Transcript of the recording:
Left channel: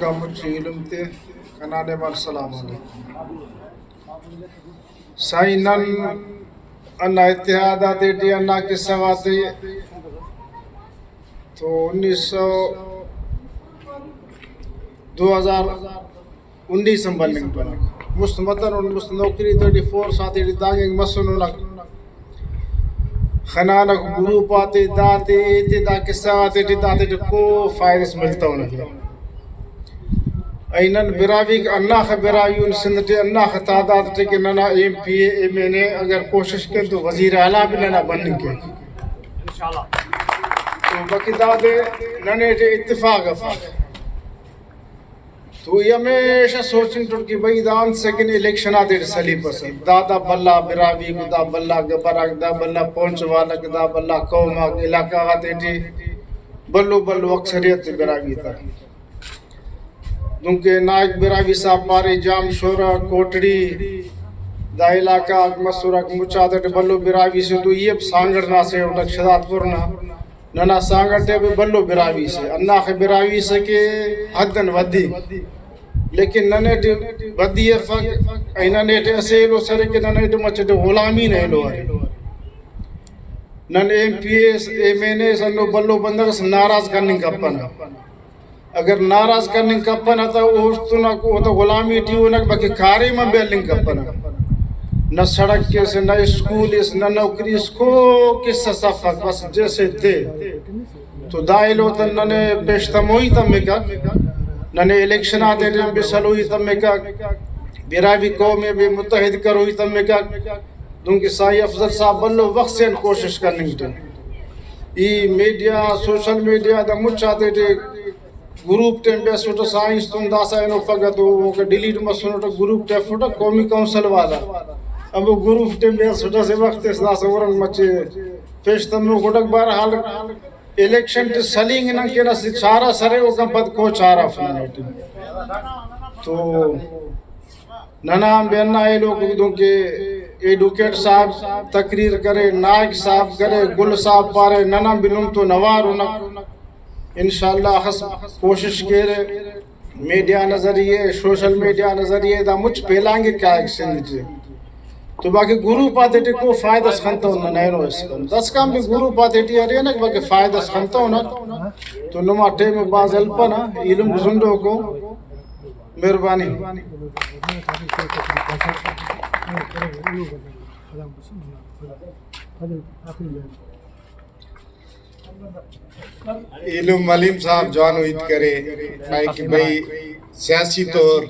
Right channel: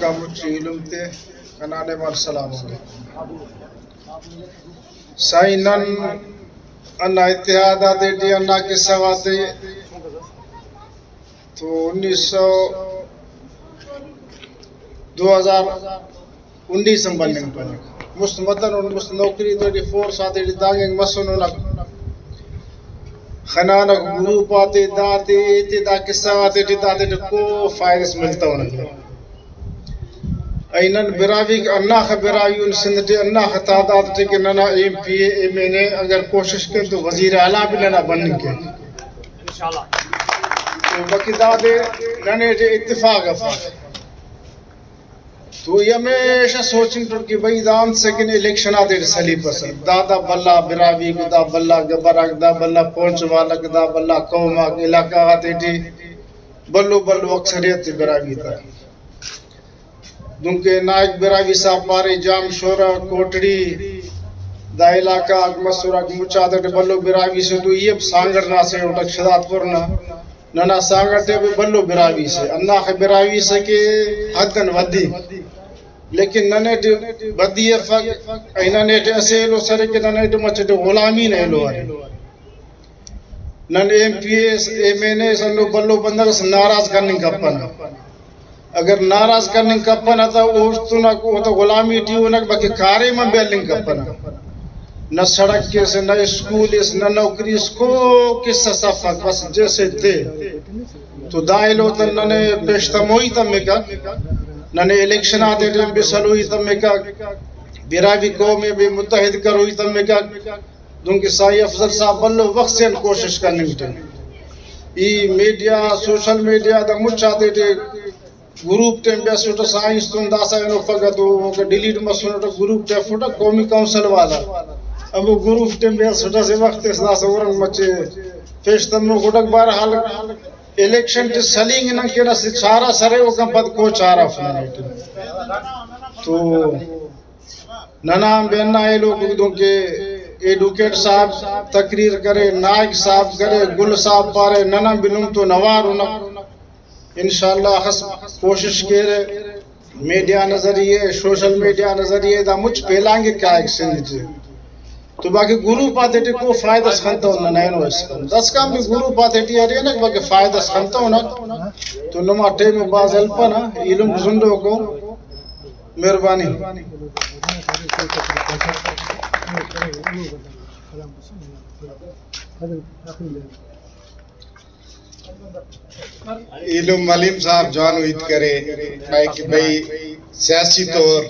کا مجھ علم تے کنانے وال سلام علیکم سائیں نن انا اتحادات ڈی انا کے سواتے تو 2019 بننگ بننگ مستمدن اور مست نوکری تو ڈی فورس آتے ڈی دانگنگ مسنونک خنانک گروپ آتے داتے اتدا کے سواتے ڈی داتے ڈی کو فائدس ملتا ہونا اینن براوی انا خبراوی سندھ تے انا خطادات تے کہ ننا ایم پی ایم این اے اگر کوشش کریں تو وزیر اعلیٰ بھی ننا بننے کے انشاءاللہ تو باقی دادے ننے تے اتفاق افاق تو یہ ہمیشہ سوچیں تو کہ بھئی دان سیکنڈ الیکشن آتے سلی پسند دادا بلا براوی کو دا بلا گبرک دا بلا پونچ والک دا بلا قومک علاقہ آتے تھی بلو بلو اکثریت براوی تھا دونکہ نائک براوی صاحب پارے جام شورا کوٹڑی دا علاقہ مسورہ مچادت بلو براوی سے تو یہ سانگر نہ سے اٹھک شداد پورنا ننا سانگر تے بلو براوی سے اللہ براوی سے کہ حدن ودی لیکن ننے تے ودی فق ایننے تے اسیلو سرے کہ ننے تے مچے تے غلامی نہیں لو آرے نن M P S M N A سنو بلو بندر سے ناراض کرنے کا پنا اگر ناراض کرنے کا پنا تھا اس تو غلامی تھی انہیں باقی کارے میں بیلنگ کا پنا نہ سڑک کے سے نہ اسکول اس نہ نوکری اس کو کس صفحہ بس جیسے تھے تو دائل ہوتا ننے پیشتموئی تمکا ننے الیکشن آتے تھے بھی سلوئی تمکا براوی قومیں بھی متحد کروئی تمکا دونکہ سائی افضل صاحب بلو وقت سے کوشش کرنے تھے ای میڈیا سوشل میڈیا دا مچ آتے تھے گروپ ٹیم بے سوٹا سائنس تم داسا انو فگا تو ڈیلیٹ مسونو تو گروپ ٹیم فوٹا قومی کونسل والا اب گروپ ٹیم بے سوٹا سے وقت اس داسا ورنگ مچے پیشتم نو گھٹک بار حال الیکشن ٹی سلینگ نن کے رسی چارہ سرے وہ کم پد کو چارہ فلانیٹی تو ننام بے انہ اے لوگ دوں کہ ایڈوکیٹ صاحب تقریر کرے نائک صاحب کرے گل صاحب پارے ننام بلوم تو نوار ہونا انشاءاللہ کوشش کرے میڈیا نظریے سوشل میڈیا نظریے دا مجھ پہلانگے کیا ایک سندھ تھے تو باقی گروپ آتے تھے کو فائدہ سکھنتا ہونا نہیں نو اس کا 10 کام بھی گروپ آتے تھے آرہی ہے نا باقی فائدہ سکھنتا ہونا تو نما ٹے میں باز الپا نا علم زندوں کو مہربانی علم حلیم صاحب جوانو عید کرے کہ بھئی سیاسی طور